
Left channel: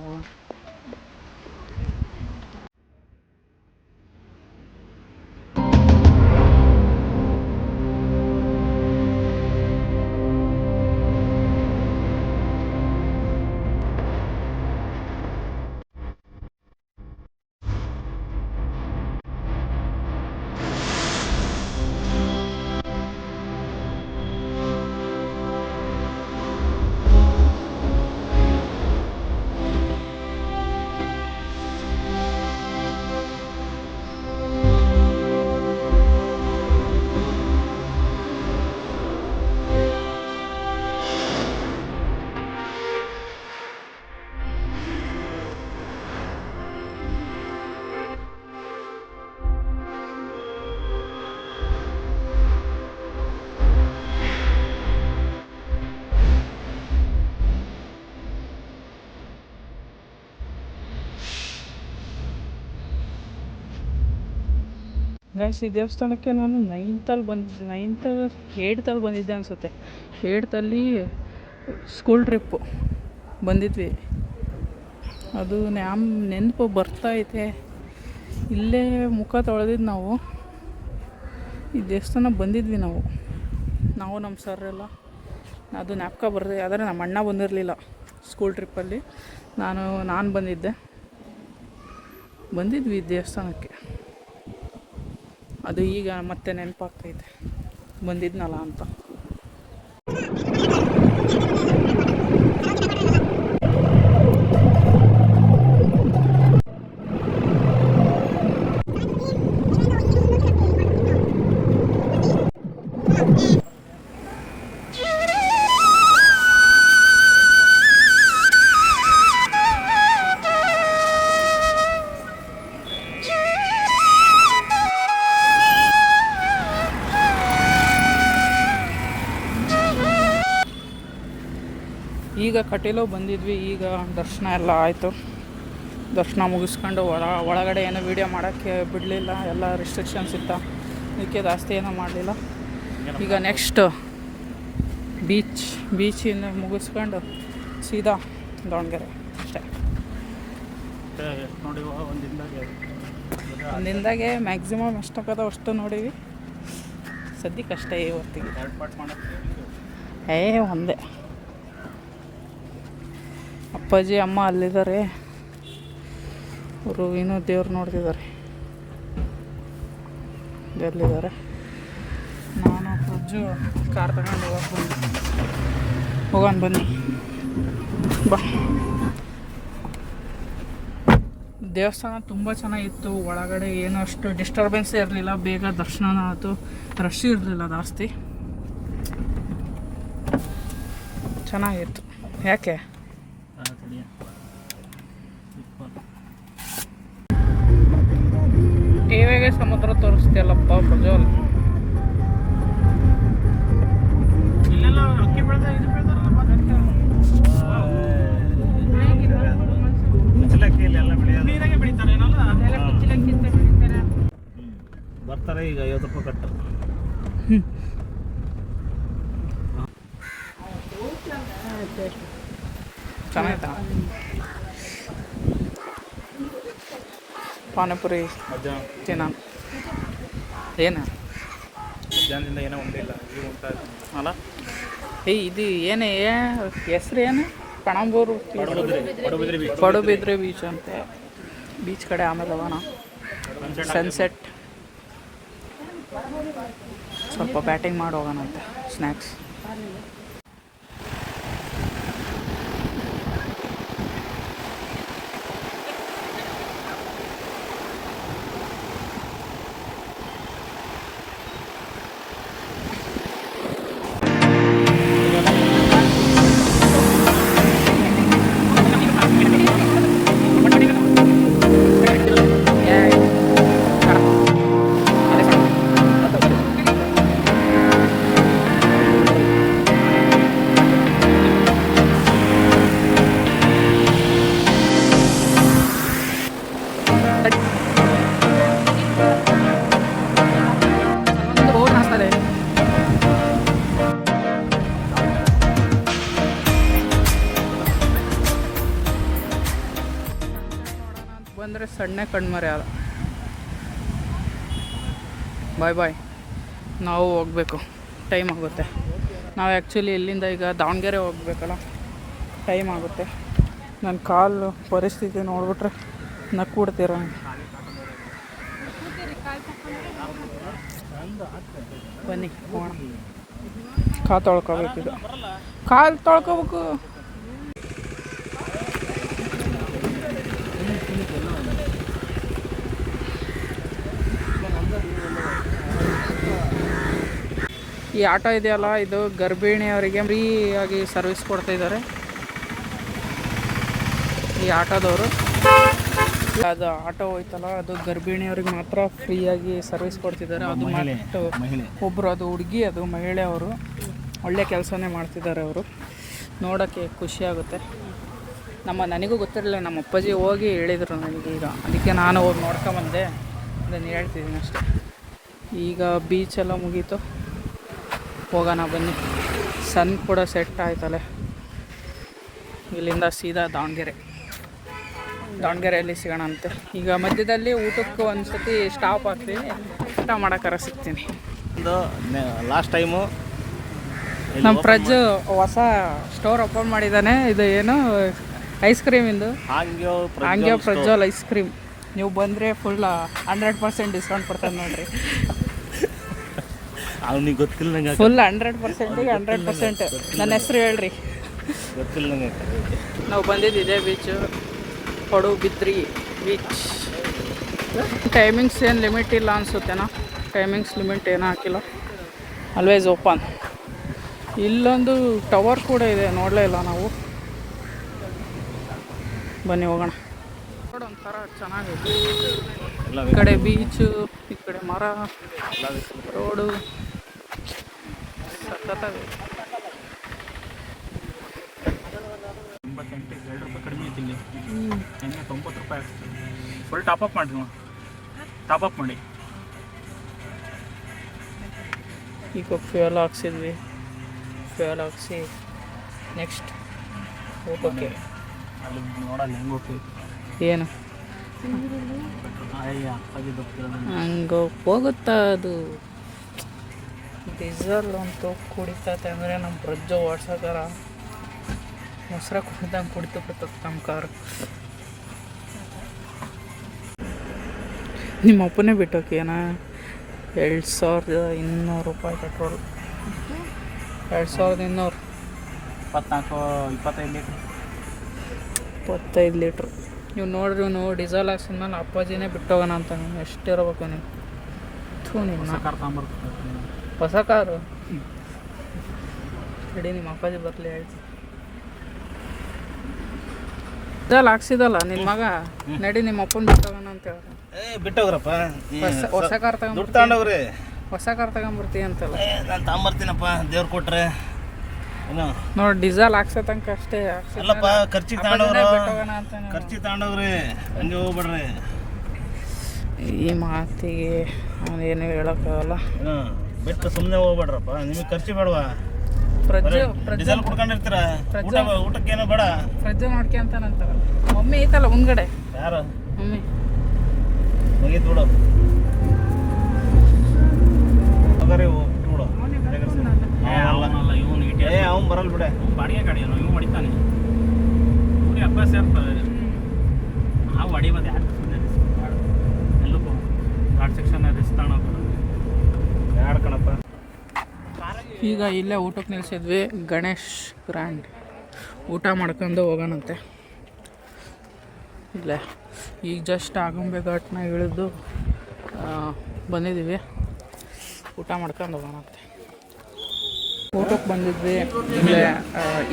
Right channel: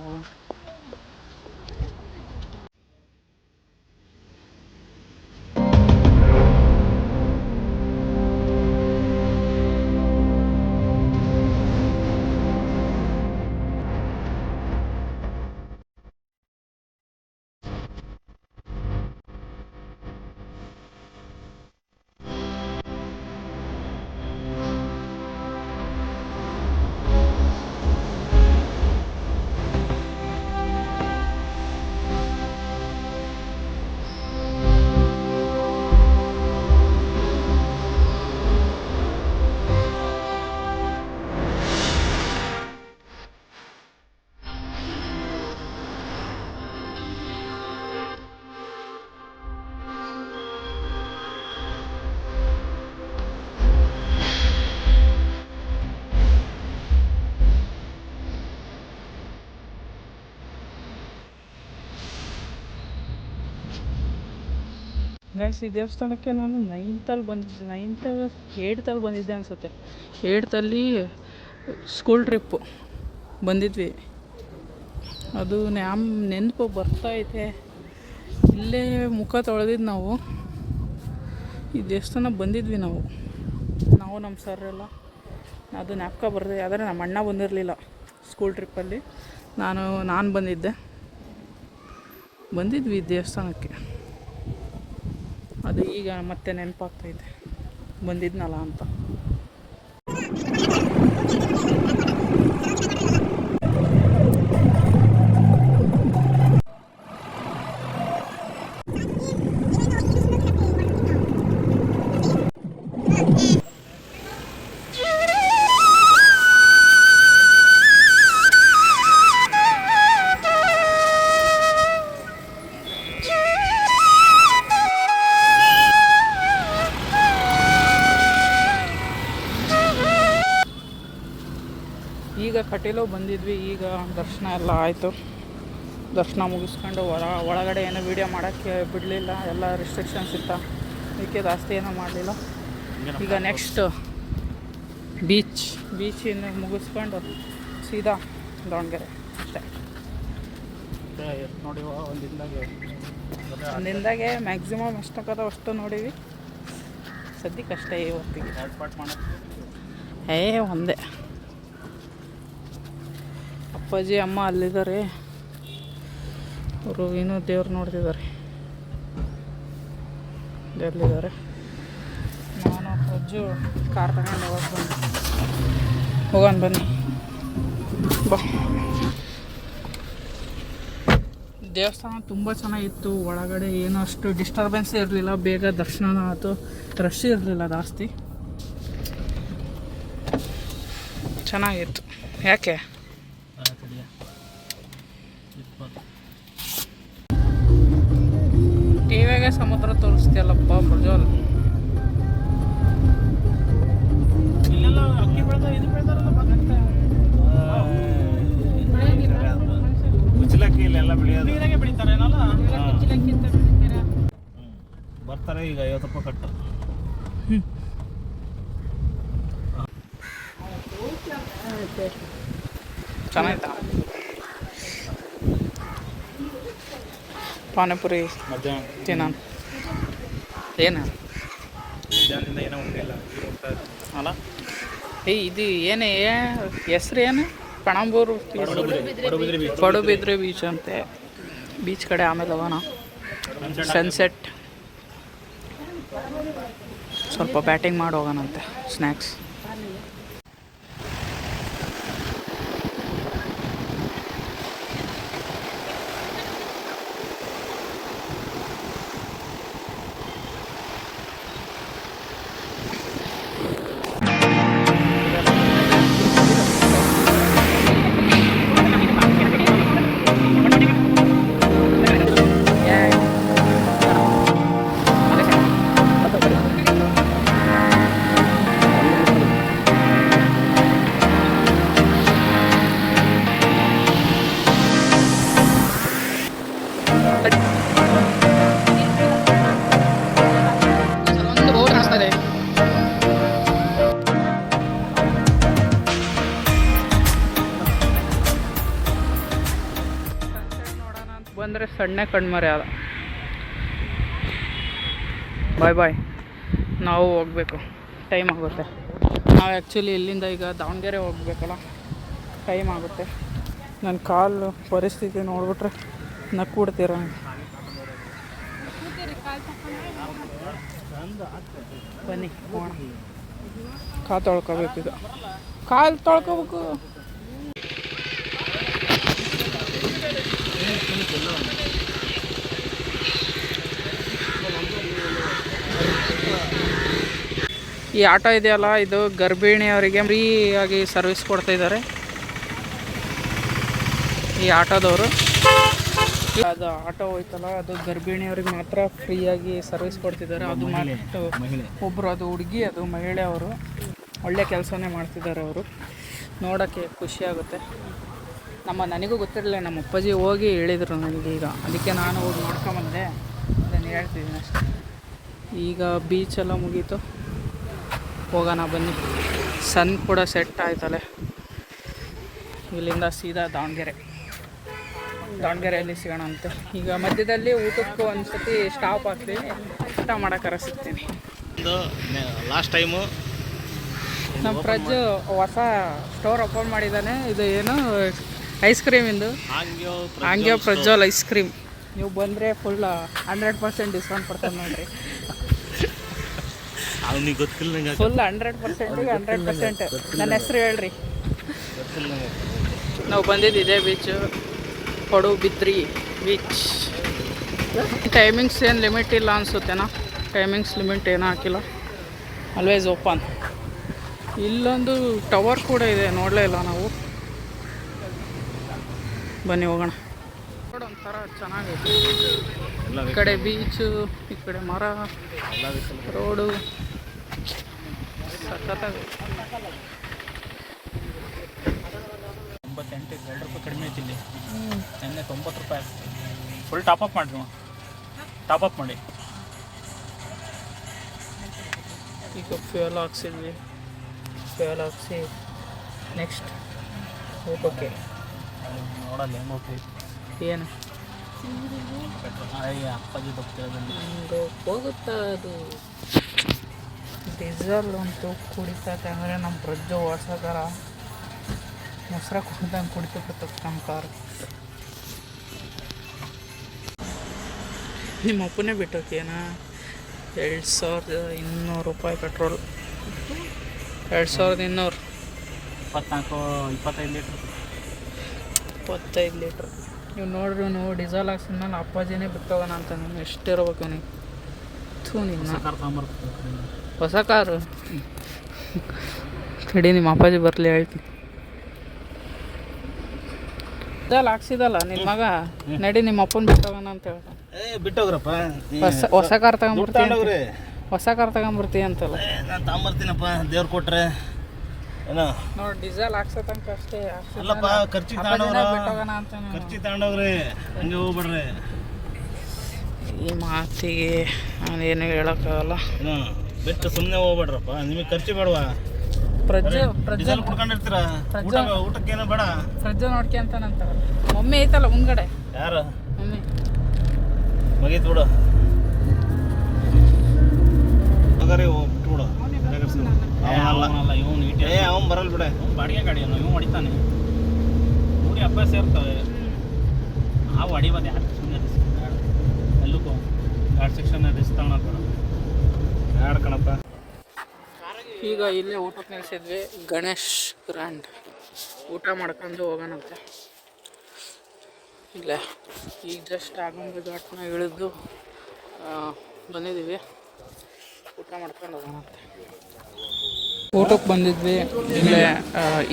ಗೈಸ್, ಈ ದೇವಸ್ಥಾನಕ್ಕೆ ನಾನು 9th ಬಂದಿದ್ದೆ, 8th ಬಂದಿದ್ದೆ ಅನಿಸುತ್ತೆ. 8th ಸ್ಕೂಲ್ ಟ್ರಿಪ್ಪು ಬಂದಿದ್ವಿ. ಅದು ನೆನಪು ಬರ್ತಾಯಿದೆ. ಇಲ್ಲೇ ಮುಖ ತೊಳೆದಿದ್ದು ನಾವು. ಈ ದೇವಸ್ಥಾನ ಬಂದಿದ್ವಿ ನಾವು ನಮ್ಮ ಸರ್ ಎಲ್ಲ. ಅದು ಜ್ಞಾಪಕ ಬರ್ತದೆ. ಆದರೆ ನಮ್ಮ ಅಣ್ಣ ಬಂದಿರಲಿಲ್ಲ ಸ್ಕೂಲ್ ಟ್ರಿಪ್ಪಲ್ಲಿ. ನಾನು ಬಂದಿದ್ವಿ ಈ ದೇವಸ್ಥಾನಕ್ಕೆ. ಅದು ಈಗ ಮತ್ತೆ ನೆನಪಾಗ್ತೈತೆ ಬಂದಿದ್ನಲ್ಲ ಅಂತ. ಈಗ ಕಟೀಲು ಬಂದಿದ್ವಿ. ಈಗ ದರ್ಶನ ಎಲ್ಲ ಆಯಿತು. ದರ್ಶನ ಮುಗಿಸ್ಕೊಂಡು ಒಳಗಡೆ ಏನೋ ವೀಡಿಯೋ ಮಾಡೋಕ್ಕೆ ಬಿಡಲಿಲ್ಲ. ಎಲ್ಲ ರಿಸ್ಟ್ರಿಕ್ಷನ್ಸ್ ಇತ್ತು. ಇದಕ್ಕೆ ಜಾಸ್ತಿ ಏನೋ ಮಾಡಲಿಲ್ಲ. ಈಗ ನೆಕ್ಸ್ಟ್ ಬೀಚಿಂದ ಮುಗಿಸ್ಕೊಂಡು ಸೀದಾ ದಾವಣಗೆರೆ ಅಷ್ಟೇ. ಒಂದಿಂದಾಗೆ ಮ್ಯಾಕ್ಸಿಮಮ್ ಎಷ್ಟಾಗದ ಅಷ್ಟು ನೋಡೀವಿ. ಸದ್ಯಕ್ಕೆ ಅಷ್ಟೇ ಇವತ್ತಿಗೆ. ಒಂದೇ. ಅಪ್ಪಾಜಿ ಅಮ್ಮ ಅಲ್ಲಿದ್ದಾರೆ. ಅವರು ಇನ್ನೂ ದೇವ್ರು ನೋಡ್ತಿದ್ದಾರೆ. ಎಲ್ಲಿದ್ದಾರೆ? ನಾನು ಪ್ರಜ್ಜು ಕಾರ್ ತಗೊಂಡು ಹೋಗೋಣ ಬನ್ನಿ. ಬಾ. ದೇವಸ್ಥಾನ ತುಂಬ ಚೆನ್ನಾಗಿತ್ತು. ಒಳಗಡೆ ಏನೂ ಅಷ್ಟು ಡಿಸ್ಟರ್ಬೆನ್ಸ್ ಇರಲಿಲ್ಲ. ಬೇಗ ದರ್ಶನ ಆಯಿತು. ರಶ್ ಇರಲಿಲ್ಲ ಜಾಸ್ತಿ. ಚೆನ್ನಾಗಿತ್ತು. ಯಾಕೆ ಟಿವಿಗೆ ಸಮುದ್ರ ತೋರಿಸ್ತೀಯಲ್ಲಪ್ಪ ಪ್ರಜ್ವಲ್? ಇಲ್ಲೆಲ್ಲ ಅಕ್ಕಿ ಬೆಳೆದ ಇದು ಬೆಳೆದಾರಲ್ಲ ಕುಚ್ಚಲಕ್ಕಿ ಇಲ್ಲೆಲ್ಲ ಬೆಳೆಯೋದು. ನೀರಾಗೆ ಬೆಳಿತಾರೇನಲ್ಲ? ಕುಚ್ಚಲಕ್ಕಿ ಅಂತ ಬೆಳಿತಾರೆ. ಬರ್ತಾರೆ ಈಗ 50 ರೂಪಾಯಿ ಕಟ್ಟು. ಚೆನ್ನಾಯ್ತಾ ಪಾನಿಪುರಿ? ತಿನ್ನೋಣ. ಏನು ಅಲ್ಲ ಇದು ಏನೇ ಹೆಸ್ರು ಏನು? ಪಣಂಬೂರು ಪಡುಬಿದ್ರೆ ಬೀಚ್ ಅಂತೆ. ಬೀಚ್ ಕಡೆ ಆಮೇಲೆ ಹೋಗೋಣ. ಸನ್ಸೆಟ್ ಸ್ವಲ್ಪ ಬ್ಯಾಟಿಂಗ್ ಮಾಡಿ ಹೋಗೋಣಂತೆ. ಸ್ನ್ಯಾಕ್ಸ್ ಅಂದರೆ ಸಣ್ಣ ಕಣ್ಮರೆ ಅದ. ಬಾಯ್ ಬಾಯ್. ನಾವು ಹೋಗಬೇಕು, ಟೈಮ್ ಆಗುತ್ತೆ. ನಾವು ಆ್ಯಕ್ಚುಲಿ ಇಲ್ಲಿಂದ ಈಗ ದಾವಣಗೆರೆ ಹೋಗ್ಬೇಕಲ್ಲ, ಟೈಮ್ ಆಗುತ್ತೆ. ನನ್ನ ಕಾಲು ಪರಿಸ್ಥಿತಿ ನೋಡ್ಬಿಟ್ರೆ ನಕ್ಬಿಡ್ತೀರ. ಬನ್ನಿ ಹೋಗೋಣ. ಕಾಲು ತೊಳ್ಕೊಬೇಕೀಗ, ಕಾಲು ತೊಳ್ಕೊಬೇಕು. ಈ ಆಟೋ ಇದೆಯಲ್ಲ, ಇದು ಗರ್ಭಿಣಿಯವರಿಗೆ ಫ್ರೀಯಾಗಿ ಸರ್ವಿಸ್ ಕೊಡ್ತಾಯಿದ್ದಾರೆ ಈ ಆಟೋದವರು. ಅದು ಆಟೋ ಹೋಯ್ತಲ್ಲ, ಅದು ಗರ್ಭಿಣಿಯವ್ರಿಗೆ ಮಾತ್ರ ಫ್ರೀಯಾಗಿ ಸರ್ವಿಸ್ ಕೊಡ್ತಿದ್ದಾರೆ. ಅದು ಮತ್ತು ಒಬ್ಬರು, ಅದು ಹುಡುಗಿ, ಅದು ಮಹಿಳೆ, ಅವರು ಒಳ್ಳೆ ಕೆಲಸನೇ ಮಾಡ್ತಿದ್ದಾರೆ. ಅವರು ನೋಡೋಕ್ಕೆ ಖುಷಿಯಾಗುತ್ತೆ. ನನಗೂ ಗೊತ್ತಿರಲಿಲ್ಲ, ನಮ್ಮ ಅಪ್ಪಾಜಿ ಹೋಗಿ ಹೇಳಿದರು ನನಗೆ ಈಗ, ಅದಕ್ಕೆ ನಾನು ಹೋಗಿ ನೋಡ್ಕೊಂಬಂದೆ. ಅದನ್ನು ಹೇಳ್ತಿದ್ದೀನಿ ಅಷ್ಟೇ. ಈಗ ಬೀಚೆಲ್ಲ ಮುಗೀತು, ಹೋಗೋಣ ಬನ್ನಿ. ಸನ್ ಕೂಡ ಸೆಟ್ ಆಯ್ತಲ್ಲ. ಇಲ್ಲಿಂದ ಸೀದಾ ದಾವಣಗೆರೆಯಲ್ಲಿ ಸಿಗೋಣಂತೆ. ಈಗ ಮಧ್ಯದಲ್ಲಿ ಊಟಕ್ಕೆ ಒಂದು ಸತಿ ಸ್ಟಾಪ್ ಆಗ್ತೀವಿ, ಊಟ ಮಾಡೋಕ್ಕಾರ ಸಿಗ್ತೀನಿ. ಲಾಸ್ಟ್ ಟೈಮು ನಮ್ಮ ಪ್ರಜ್ಜು ಹೊಸ ಸ್ಟೋರ್ ಓಪನ್ ಮಾಡಿದ್ದಾನೆ. ಇದು ಏನು ಐಸ್ ಕ್ರೀಮಿಂದು, ಹಾಂಗ್ಯೋ ಪ್ರಜ್ವಲ್ ಐಸ್ ಕ್ರೀಮ್. ನೀವು ಬಂದರೆ ಫುಲ್ 100% ಡಿಸ್ಕೌಂಟ್ ಕೊಡ್ತಾನೆ ನೋಡಿರಿ. ಗೊತ್ತಿಲ್ಲ, ಫುಲ್ 100%ಗೆ 100%. ನನ್ನ ಹೆಸರು ಹೇಳ್ರಿ. ಗೊತ್ತಿಲ್ಲ. ನಾವು ಬಂದಿದ್ದು ಇದೇ ಬೀಚು, ಪಡುಬಿದ್ರಿ ಬೀಚ್. ಟೈಮಿಂಗ್ಸ್ ಏನು ಲಿಮಿಟ್ ಇಲ್ಲ ಅನಿಸುತ್ತೇನಾ? ಟೈಮಿಂಗ್ಸ್ ಲಿಮಿಟ್ ಏನೂ ಹಾಕಿಲ್ಲ, ಆಲ್ವೇಸ್ ಓಪನ್. ಇಲ್ಲೊಂದು ಟವರ್ ಕೂಡ ಇದೆ, ನೋಡಲೇ ಇಲ್ಲ ನಾವು. ಬನ್ನಿ ಹೋಗೋಣ. ನೋಡಿ, ಒಂಥರ ಚೆನ್ನಾಗಿದೆ. ಈ ಕಡೆ ಬೀಚು, ಈ ಕಡೆ ಮರ, ರೋಡು ಸಖತ್ತಾಗಿದೆ. 88 ಕಡಿಮೆ ಐತಿಲ್ಲಿ. ನೆನ್ನೆ 90 ರೂಪಾಯಿ. ಫುಲ್ ಟಾಪಪ್ ಮಾಡಿ. ಈಗ ಫ್ಯೂಯಲ್ ಹಾಕ್ಸಿದ್ವಿ, ಫ್ಯೂಯಲ್ ಹಾಕ್ಸಿ ನೆಕ್ಸ್ಟ್ ಊಟಕ್ಕೆ. ನೋಡಲ್ಲ ಹೆಂಗೆ ಹೋಗ್ತೀವಿ, ಏನು ಹಂಗೆ ಹೋಗುತ್ತಾ ಅದು. ಡೀಸೆಲ್ ಅಂತೂ ಕುಡಿತತೆ ಅಂದರೆ ನಮ್ಮ ಪ್ರಜ್ಜು ಓಡ್ಸೋಕಾರ ಮೊಸರು ಕುಡ್ದಂಗೆ ಕುಡಿತು ಬಿಡ್ತದೆ ನಮ್ಮ ಕಾರು. ನಿಮ್ಮ ಅಪ್ಪನೇ ಬಿಟ್ಟೋಕೇನಾ? 2200 ರೂಪಾಯಿ ಪೆಟ್ರೋಲ್. 2200. 25 ಲೀಟ್ರ್. 25 ಲೀಟ್ರ್. ನೀವು ನೋಡ್ರಿ, ಡೀಸೆಲ್ ಹಾಕ್ಸಿದ್ಮೇಲೆ ಅಪ್ಪಾಜಿನೇ ಬಿಟ್ಟೋಗೋಣ ಅಂತ. ನೀವು ಎಷ್ಟಿರ್ಬೇಕು ನೀವು? ನಿನ್ನ ಹೊಸ ಕಾರು ಕಡಿ, ನಿಮ್ಮ ಅಪ್ಪಾಜಿ ಬರಲಿ ಹೇಳ್ತೀನಿ. ಡೀಸೆಲ್ ಹಾಕ್ಸಿದಲ್ಲ ನಿನ್ನ ಮಗ, ನಡಿ ನಿಮ್ಮ ಅಪ್ಪನ ಬಿಟ್ಟೋಗೋಣ ಅಂತ ಹೇಳ್ತಾನೆ. ಬಿಟ್ಟೋಗ್ರಪ್ಪ, ಹೊಸ ಕಾರ್ ತಗೊಂಡ್ರಿ, ಹೊಸ ಕಾರ್ ತಗೊಂಬರ್ತೀವಿ ಅಂತಲ್ಲ. ನಾನು ತಗೊಂಬರ್ತೀನಪ್ಪ, ದೇವ್ರು ಕೊಟ್ರೆ. ಏನು ನೋಡಿ, ಡೀಸೆಲ್ ಹಾಕ್ಸೋ ತನಕ ಅಷ್ಟೇ. ಖರ್ಚಿಗೆ ಬಿಟ್ಟೋಗೋಣ ಅಂತ. ಖರ್ಚಿಗೆ ತಗೊಂಡೋಗ್ರಿ, ಹಂಗೆ ಹೋಗ್ಬೇಡ್ರಿ. ಈ ಮಾತಿಗೆ ನಾನೇನು ಹೇಳೋಕ್ಕಾಗಲ್ಲ. ಬಿಟ್ಟು ಸುಮ್ಮನೆ ಹೋಗ್ಬೇಡ್ರಪ್ಪ, ನಿಮಗೆ ಖರ್ಚು ಬೇಡವಾ? ಡೀಸೆಲ್ ಕುಡ್ಕೊಂಡಿರ್ತೀರ, ಊಟಕ್ಕೇನು ಬೇಡ. ಪ್ರಜ್ಜು ನೋಡ್ಕೊಂತಾನಂತಾರಲ್ಲ, ಮಮ್ಮಿ ಐತಲ್ಲ ಮುಂದ್ಗಡೆ. ಯಾರು ಮಮ್ಮಿ? ಮುಗೀತು ಬಿಡು. ಅವ್ನು ಬರಲ್ಲ ಬಿಡ, ಬಾಡಿಗೆ ಗಾಡಿ ಇವ್ನು ಹೊಡಿತಾನೆ. ಊರಿ ಅಭ್ಯಾಸ ಇರ್ತವೆ. ನಾವು ಹೊಡಿಬೋದು, ಯಾರು ಸುಮ್ಮನೆ ಬೇಡ. ಎಲ್ಲಕ್ಕೂ ಘಾಟ್ ಸೆಕ್ಷನ್ ರಿಸ್ಕ್ ತಗೊಳಬೇಡ, ಯಾರು ಕಣಪ್ಪ. ಈಗ ಇಲ್ಲೇ ಊಟಕ್ಕೆ ನಿಲ್ಸಿದ್ವಿ, ಗಣೇಶ್ ಗ್ರ್ಯಾಂಡ್. ಊಟ ಮಾಡ್ಕೊಂಡು ಹೋಗೋಣಂತೆ. ಇಲ್ಲೇ ಈಗ ಜಸ್ಟ್ ಆಗುಂಬೆ ಘಾಟ್ನ ಇಳಿದು ಬಂದಿದ್ದೀವಿ. ಊಟ ಮಾಡ್ಕೊಂಡು ಹೋಗೋಣಂತೆ. ಊಟಕ್ಕೆ ಬಂದಿದ್ವಿ ಇಲ್ಲೇ.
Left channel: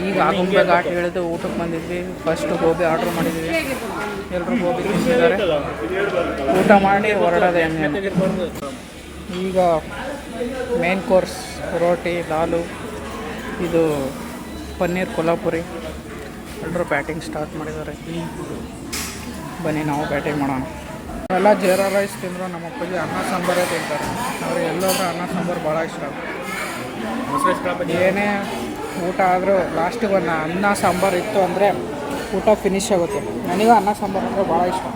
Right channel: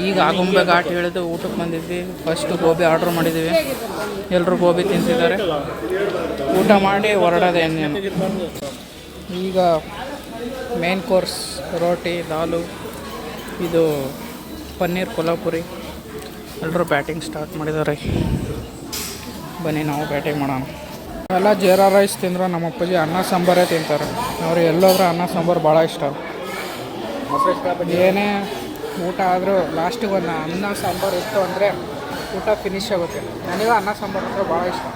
ಈಗ ಆಗುಂಬೆ ಘಾಟ್ ಇಳಿದು ಊಟಕ್ಕೆ ಬಂದಿದ್ವಿ. ಫಸ್ಟ್ ಗೋಬಿ ಆರ್ಡ್ರ್ ಮಾಡಿದ್ದೀವಿ, ಎಲ್ಲರೂ ಗೋಬಿ ತಿಂತಿದ್ದಾರೆ. ಊಟ ಮಾಡಿ ಹೊರಡೋದೆ ಇನ್ನೇನು. ಈಗ ಮೇನ್ ಕೋರ್ಸ್ ರೋಟಿ, ದಾಲು, ಇದು ಪನ್ನೀರ್ ಕೊಲ್ಹಾಪುರಿ. ಎಲ್ಲರೂ ಬ್ಯಾಟಿಂಗ್ ಸ್ಟಾರ್ಟ್ ಮಾಡಿದ್ದಾರೆ. ಬನ್ನಿ ನಾವು ಬ್ಯಾಟಿಂಗ್ ಮಾಡೋಣ. ಎಲ್ಲ ಜೀರಾ ರೈಸ್ ತಿಂದರು, ನಮ್ಮ ಅಪ್ಪಾಜಿ ಅನ್ನ ಸಾಂಬಾರೇ ತಿಂತಾರೆ. ಅವ್ರಿಗೆ ಎಲ್ಲೋದ್ರೂ ಅನ್ನ ಸಾಂಬಾರು ಭಾಳ ಇಷ್ಟ. ಏನೇ ಊಟ ಆದರೂ ಲಾಸ್ಟಿಗೆ ಒಂದು ಅನ್ನ ಸಾಂಬಾರು ಇತ್ತು ಅಂದರೆ ಊಟ ಫಿನಿಶ್ ಆಗುತ್ತೆ. ನನಗೂ ಅನ್ನ ಸಾಂಬಾರು ಅಂದರೆ ಭಾಳ ಇಷ್ಟ.